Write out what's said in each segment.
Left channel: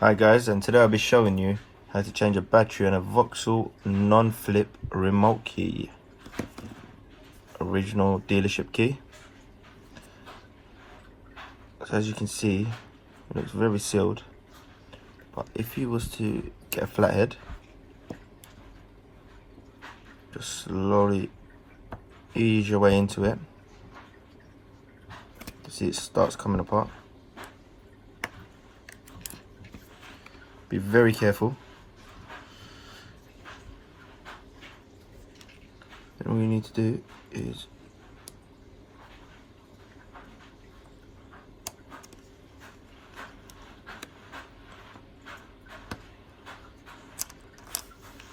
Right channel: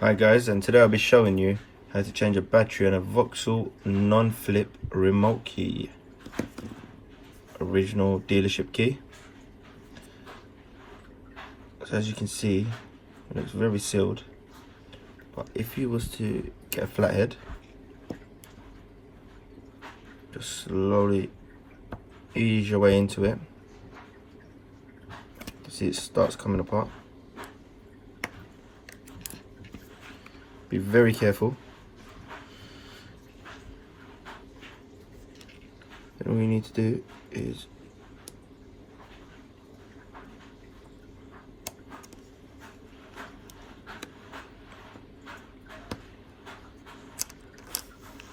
Hi guys, and today I'll be showing you how to change a battery on a Vauxhall non-flip remote key. Original dealership key. So as you can see, it looks very sealed. But if you was to get a flathead, just slowly ease your way into it. You see it starts coming apart. Be very careful. And all you need to do is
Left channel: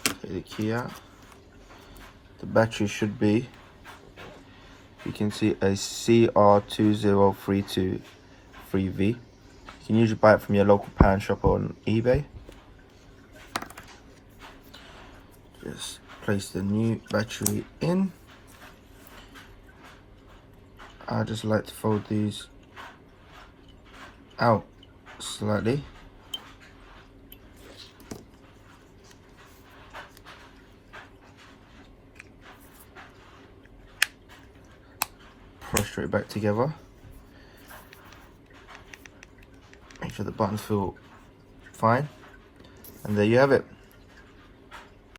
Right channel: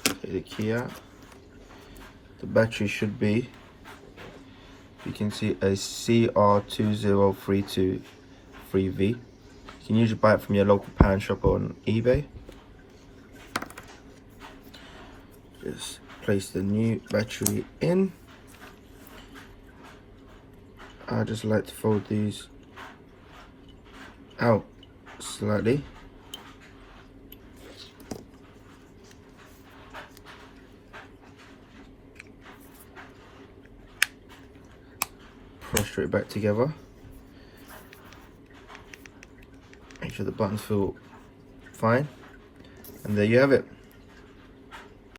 take the key out. The battery should be, you can see, a CR20323V. You can usually buy it from your local pound shop on eBay. Just place the new battery in. I just like to fold these out slightly. Press it back together. Make sure the buttons feel fine, and there you have it.